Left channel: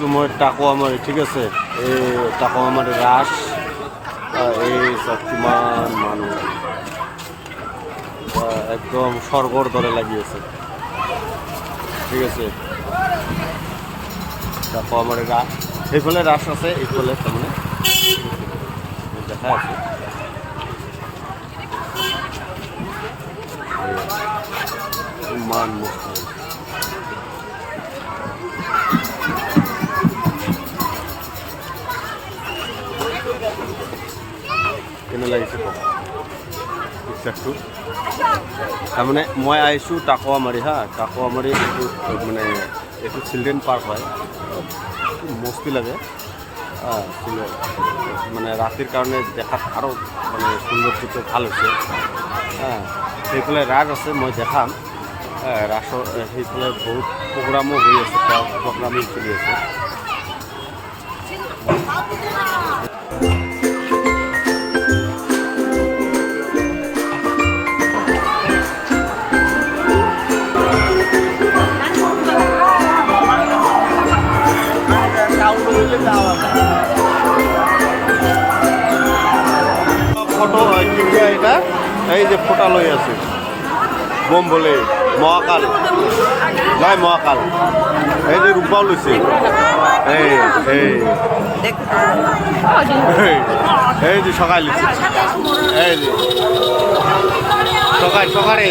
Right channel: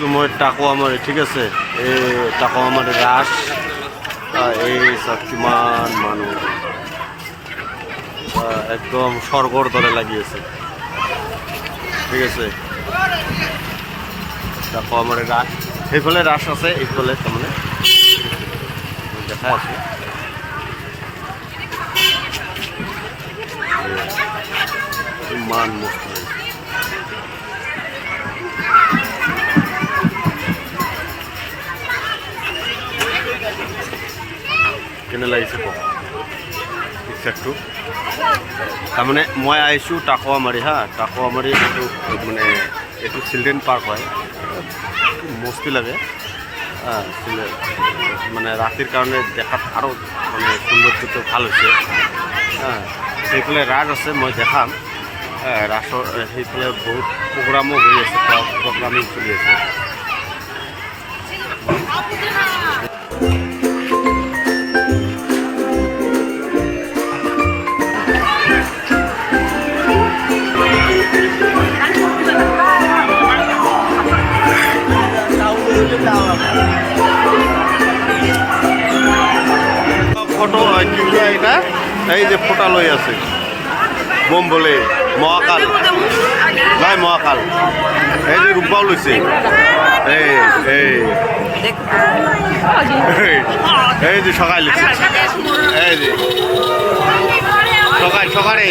আছো মই টাকুৱামাৰী, ঠিক আছে। এই টাকুৱামাৰী ৰাস, এই চব কিমান মানুহ, একদম স্বৰ্গৰ দৰে লাগি আছে, ঠিক আছে। টাকুৱামাৰী ৰাস, সেইফালে ৰাস আছে, এইফালে তাৰমানে দেখাই আছো। ইমান মস্ত লাগিছে। কেনে লাগিছে কওক পিকচাৰটো। তাৰমানে মই আহিছোঁ টাকুৱামাৰী, টাকুৱামাৰী এইটো মানে এইটো চিলড্ৰেন পাৰ্ক হয়, মস্তি লাগে। মানে ৰাতিৰ কাৰণে দেখাত আৰু মানে সৌন্দৰ্যটো ভাল হৈছে। সেইফালে ৰাস আছে, মই দেখাম। ৰাসৰ সেইফালে বহুত প্ৰগ্ৰামো হৈ আছে, প্ৰগ্ৰামিং চলি আছে। ফটো কি কয় এটা, এই যে ফোটা লৈ আছে বম বলে মহাকাল, জয় মহাকাল। এই যে রূপবাও লৈছে, এই যে সকাল লৈছে, এই যে সকালে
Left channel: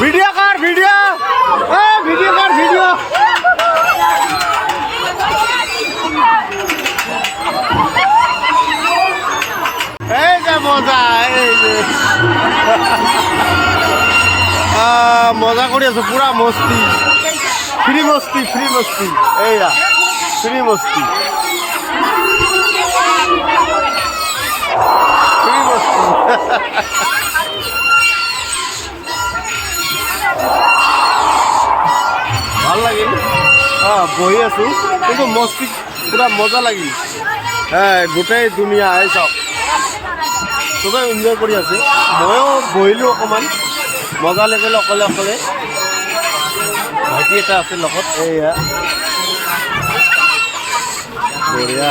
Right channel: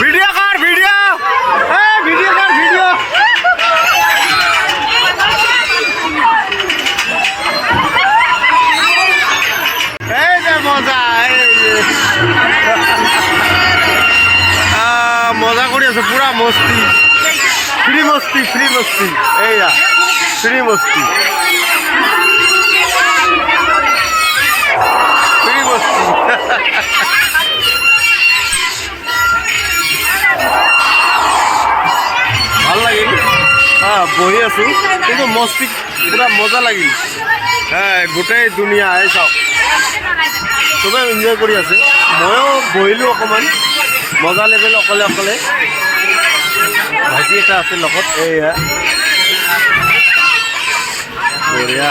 ভিডিও কর, ভিডিও ভিডিও কর, ভিডিও। এই যে মজা, এই যে মজা করে আছে, পুরা মস্তি, ফ্রি মস্তি, ফ্রি মস্তি, এইয়া ফ্রি মস্তি, ফ্রি মস্তি। ভাল লাগিল, বহি আছো, কিন্তু মস্তি পুরা মজা লাগিল। গোটেই দুনিয়া এই চাওক, চবে এনজয় কৰি আছে, ময়ো বহিলোঁ অকণমান, মজা লাগিল অকলে অকলে। ভাইটি এটা আছে লগত, এইয়া বঢ়িয়া।